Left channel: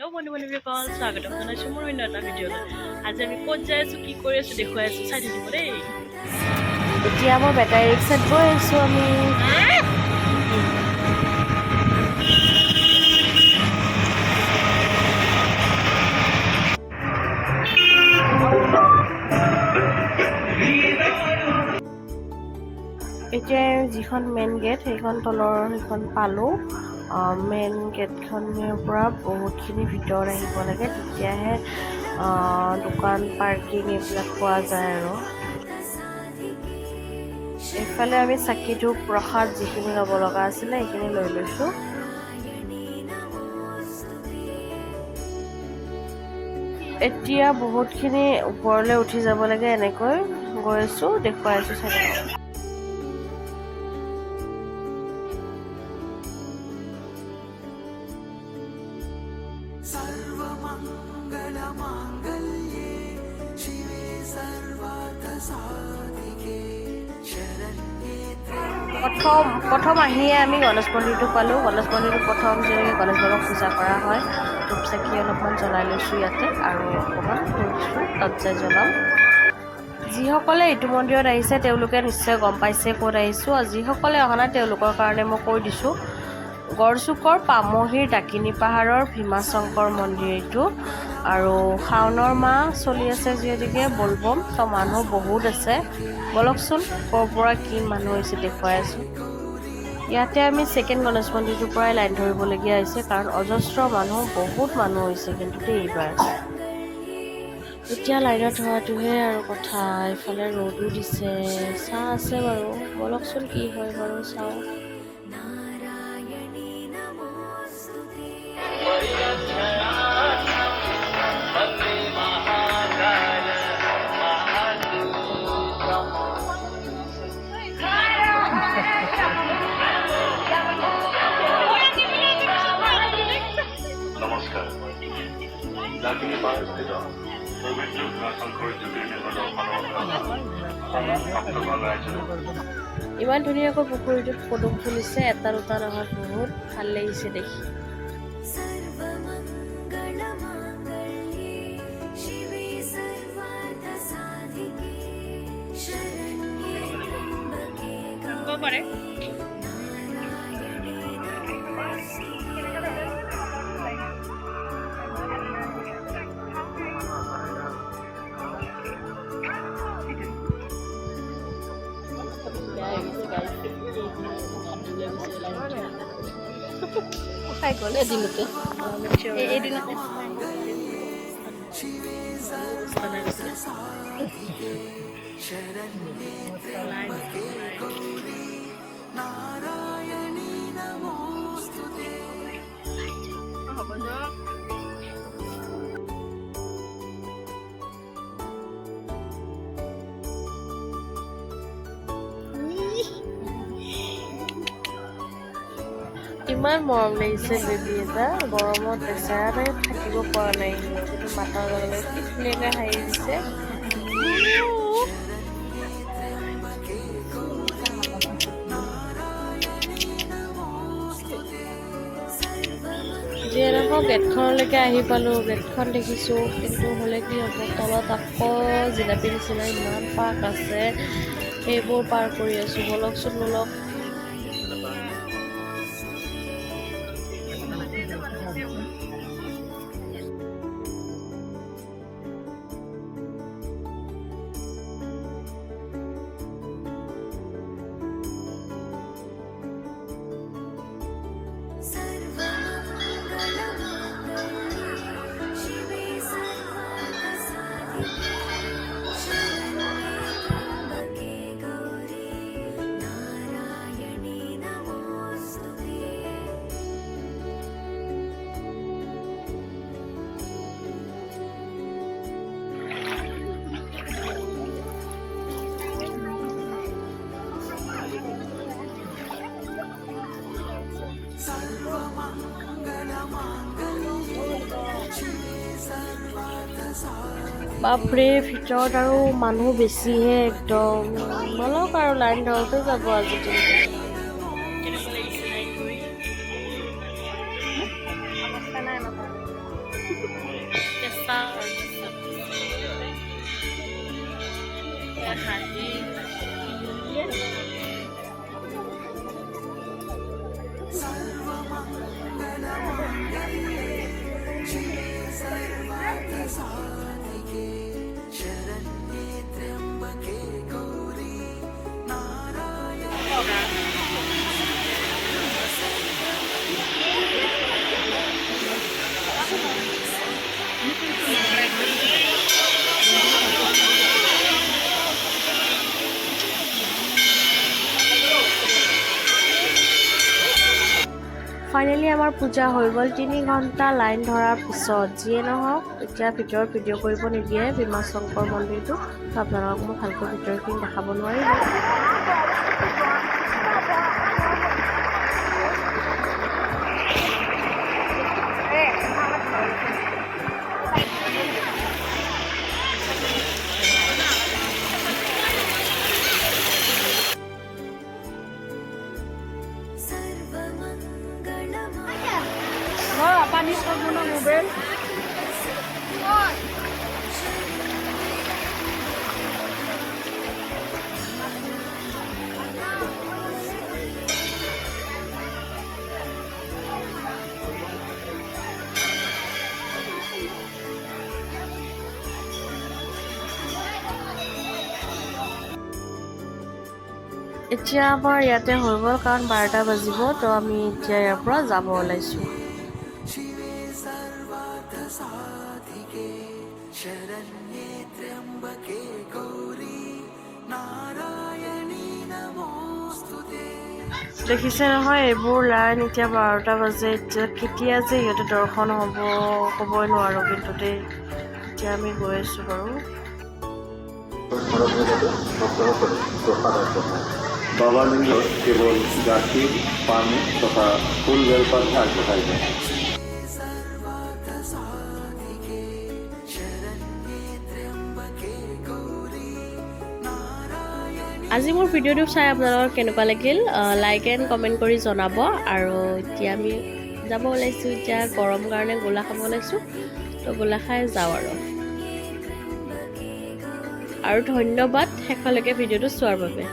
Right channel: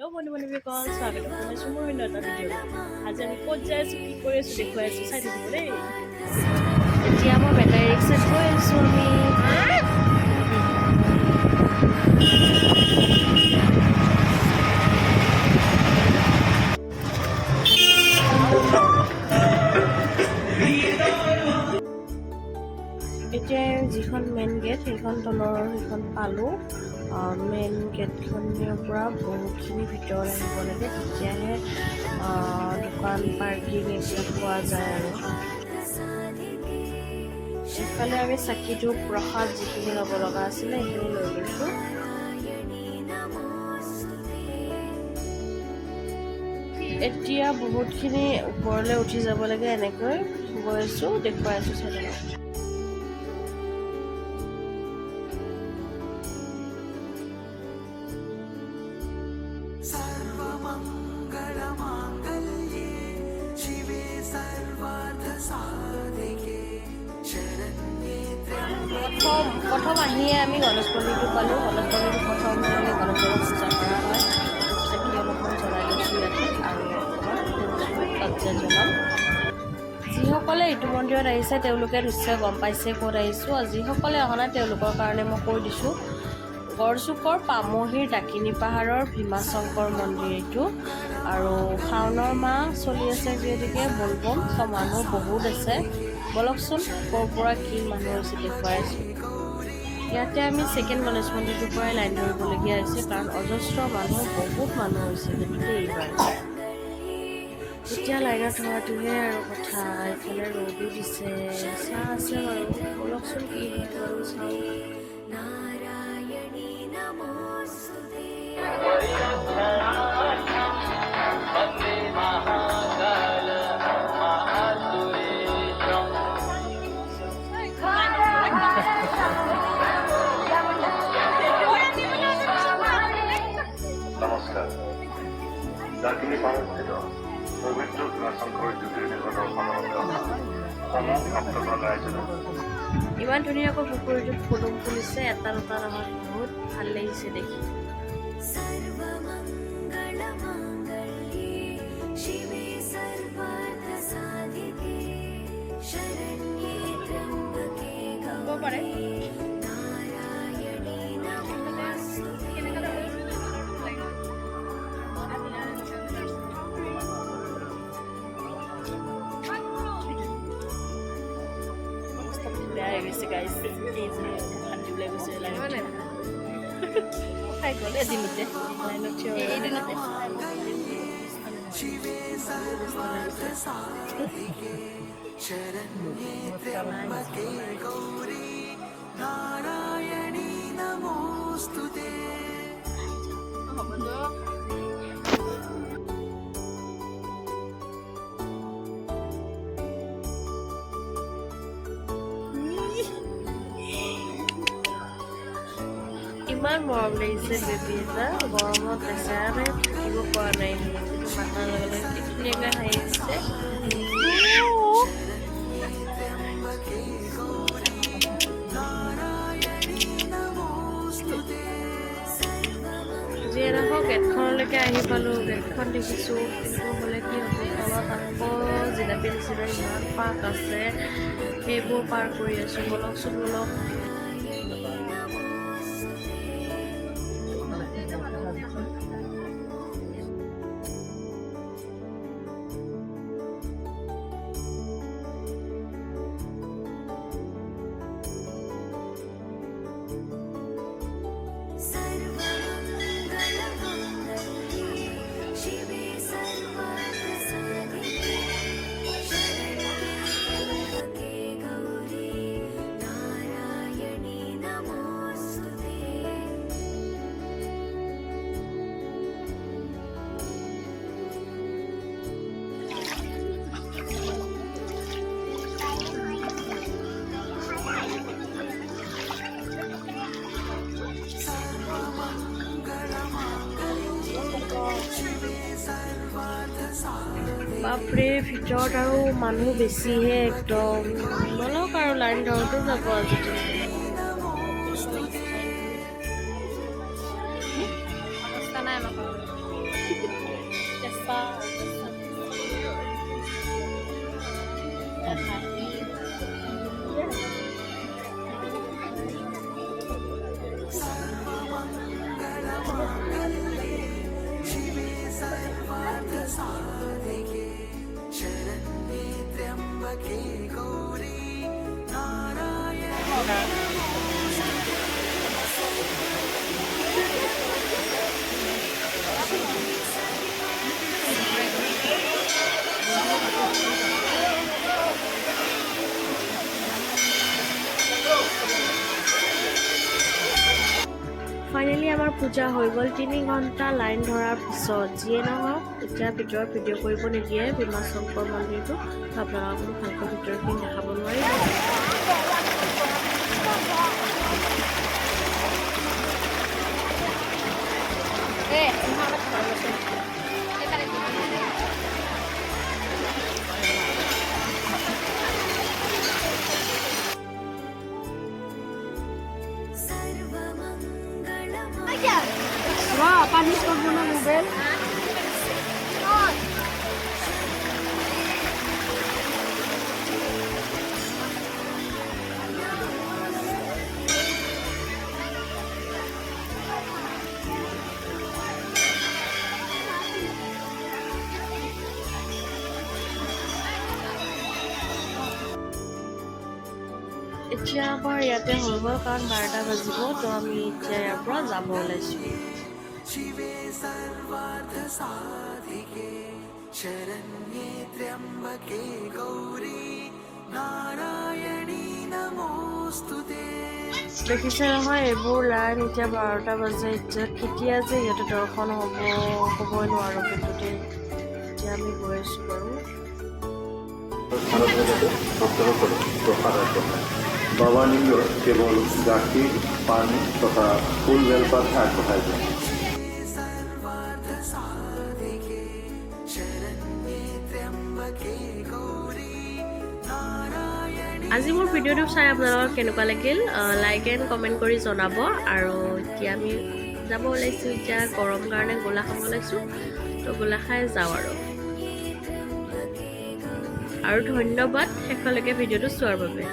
Hello' বন্ধু বান্ধৱীসকল স্বাগতম জনাইছোঁ মোৰ অন্য এটা ভিডিঅ'লৈ। আজি আমি ক'ত যাই আছোঁ, কি কৰি আছোঁ দেখুৱাই আছোঁ, চাই থাকিব দেই। এতিয়া মই বেটাৰী ৰিক্সাত গৈ আছোঁ আমি। এতিয়া যিখন মেইন গেট সেইখন তলৰ সেইখন পালোঁ। মেইন গেটখনৰ পৰা বহুতখিনি ভিতৰত আহিব লাগে, তেতিয়াহে দোকান পাৰ্কিং এইবিলাক পোৱা যায় আৰু এইফালে আমি চাকি ধূপ প্ৰসাদ যিখিনি ল'ব লগা আছিলে সেইখিনি লৈ লৈছোঁ। এতিয়া বহুতখিনি ওপৰলৈ উঠি যাব লাগে, এনেকৈ গৈ আছোঁ, দেখুৱাই আছোঁ চাগে। প্ৰথম আহিয়ে আমি গণেশ মন্দিৰটো পালোঁ। গণেশ মন্দিৰটো প্ৰথম যেনেকৈ গণেশ বাবাক পূজা কৰা হয়, ধূপ চাকি অলপমান জ্বলাই লৈছোঁ ইয়াতে আৰু অকণমান তাত যাই জ্বলাম। যিসকলে এইটো মন্দিৰত আহিছে তেওঁলোকে নিশ্চয় গম পাইছে ক'ত আহিছোঁ, আৰু যিসকলে অহা নাই তেওঁলোকৰ কাৰণে মই কৈ দিছোঁ। গড়চুকৰ পামহিৰ ডাকিনী পাহাৰৰ ভীমাশংকৰ মন্দিৰ এইটো, আৰু শাওণৰ মাহ চলি আছে যিহেতুকে বলবম, তো মানুহ বহুত আছে। বলকচোন ক'ৰ পৰা কি মানুহ হৈছে দেখুৱাই আছোঁ। ইয়াতে আমি ছেকেণ্ড গণেশ মন্দিৰটোৰ পৰাই লাইন ধৰিবলগীয়া হৈছে, কাৰণ অজস্ৰ মানুহ, বহুত মানুহ হৈছে কিন্তু এইবাৰ। এতিয়া লাইনত ধৰাটোহে আৰু কথা। এইফালে ৰ'দো দিছে, চাহ আছে বাৰু, বলকচোন কি হয় বাৰু চাওঁ। নমস্কাৰ। ডাকিনী পাহাৰস্থিত পবিত্ৰ ভীমাশংকৰ জ্যোতিৰ্লিংগ দৰ্শনৰ বাবে ভক্তগণ ৰাইজলৈ ইমান ধুনীয়াকৈ পুখুৰীটোত পদুম ফুলিছে, এটা দুটা নহয়, বহুত ভাল লাগিছে দেখি। ক'ব পাৰে। বেয়া হৈ গৈছে গাইজ, হাত ওলাই গৈছে লাইনত এদিনতে লাইনত থিয় এদিনতে অৱস্থা নাই গৈছে। ইমান মৰম লাগিছে বেবী এটা, গৰমত বেচেৰাৰে থাকিব পৰা নাই, কিন্তু মাতাৰ লগে লগে কি ধুনীয়াকৈ হাঁহি দিছে। যিয়ে নহওক গেটখনলৈকে আহি পালোঁ, গেটখন দেখিছোঁ, কিন্তু হ'লে কি হ'ব, তলত আকৌ জিলাপি নিচিনা ইমান পাৰ্ক আছে, সেইবোৰ পাৰ কৰি আছোঁ। বলকচোন বলক। বাপৰে, ভিতৰত আৰু মানুহ বেছিহে একদম। বলক আৰু লাইন ধৰোঁতে যাব আজি দিনটো। কেনেকুৱা লাগিছে লাইন ধৰি? অৱস্থা নাই আমাৰ। কেঁচা হাঁহি ফাইনেলি আমাৰ পূজা হৈ গ'ল 3 ঘণ্টা লাইন ধৰাৰ পিছত। যিয়ে নহওক এতিয়া ভিতৰত ভিডিঅ' কৰিব নিদিয়ে ভীমা শংকৰ মন্দিৰটো, তো আপোনালোকক মই ভালকৈ ভিতৰখিনি দেখাব নোৱাৰিলোঁ। पानी करबो ना मोबाइल এতিয়া আমাৰ ইয়াতে হৈ গ'ল কাৰণ 12টা বাজিব, তো আমি এতিয়া ইয়াৰ পৰা যাব ওলাইছোঁ। দেখিছে নহয় এইবোৰ লাইন, এতিয়া 12টা বাজে, এতিয়া কেতিয়া যে সিহঁতে দৰ্শন হ'ব ক'বই নোৱাৰোঁ, কিন্তু দেই এতিয়া আমি গৈ আছোঁ বাৰু। বাবা নিয়ে কেবল গাখীৰ পানী তথা ফুল বেলপাত আগবঢ়াই যায়। আজি মোৰ ভিডিঅ'টো চাই আপোনালোকৰ কেনেকুৱা লাগিল লাইক এণ্ড কমেণ্ট কৰি জনাব। আৰু এতিয়া আমি যাব ওলাইছোঁ, এতিয়া গৰম কাৰণে গোলা খাব ওলাইছোঁ, তো গোলা খাই যাওঁ আৰু ধন্যবাদ শেষলৈকে ভিডিঅ'টো চোৱাৰ বাবে।